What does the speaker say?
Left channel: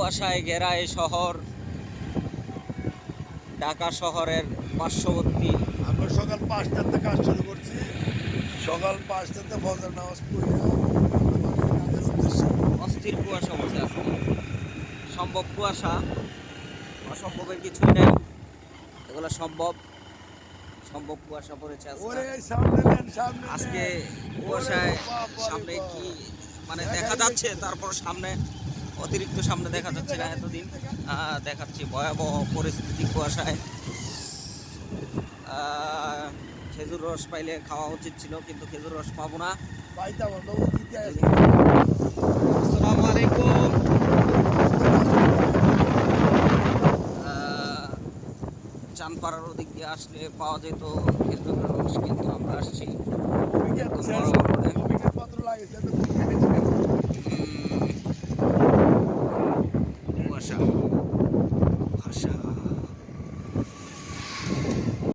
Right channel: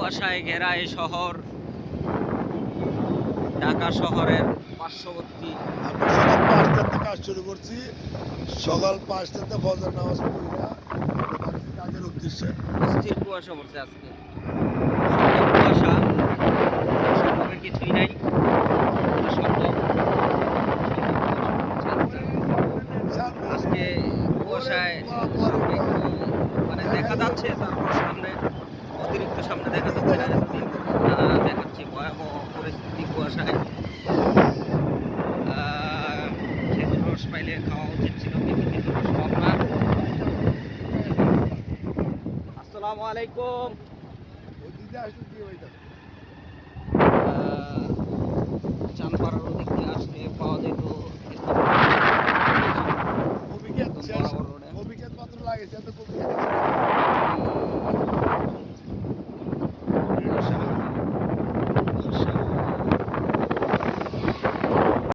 কুয়াশায় ঘেরা এই শহর, ঢাকা শহরের পার্শ্ববর্তী। আমি সকাল 5টাতে কাজ শুরু করছি। সকাল 5টাতে ফজর নামাজ পড়ে কাজের উদ্দেশ্যে। অস্থির কুয়াশা বলছে আজকে, সম্ভব কুয়াশা, সম্ভবের কিছুই নাই, এগুলো সম্ভব সম্ভব কুয়াশা পড়েছে আজকে। কুয়াশায় সামনে কি মানে দেখা যাচ্ছে, তারপর সামনে অতিরিক্ত সামনে দেখা যাচ্ছে না। এতদিন দেখাচ্ছি ভয়াবহ পরিস্থিতি কুয়াশায়। খেজুর রস পাইলে খাওয়া উচিত ছিল, কিন্তু খেজুর রস পাবো না। আসসালামু আলাইকুম। চাঁদপাড়ার ওদিক দিয়ে আসলে পাওয়া যেত খেজুর রস, একদম বরাবর রোডে। পত্র লাগিয়েছে কুয়াশা কুয়াশা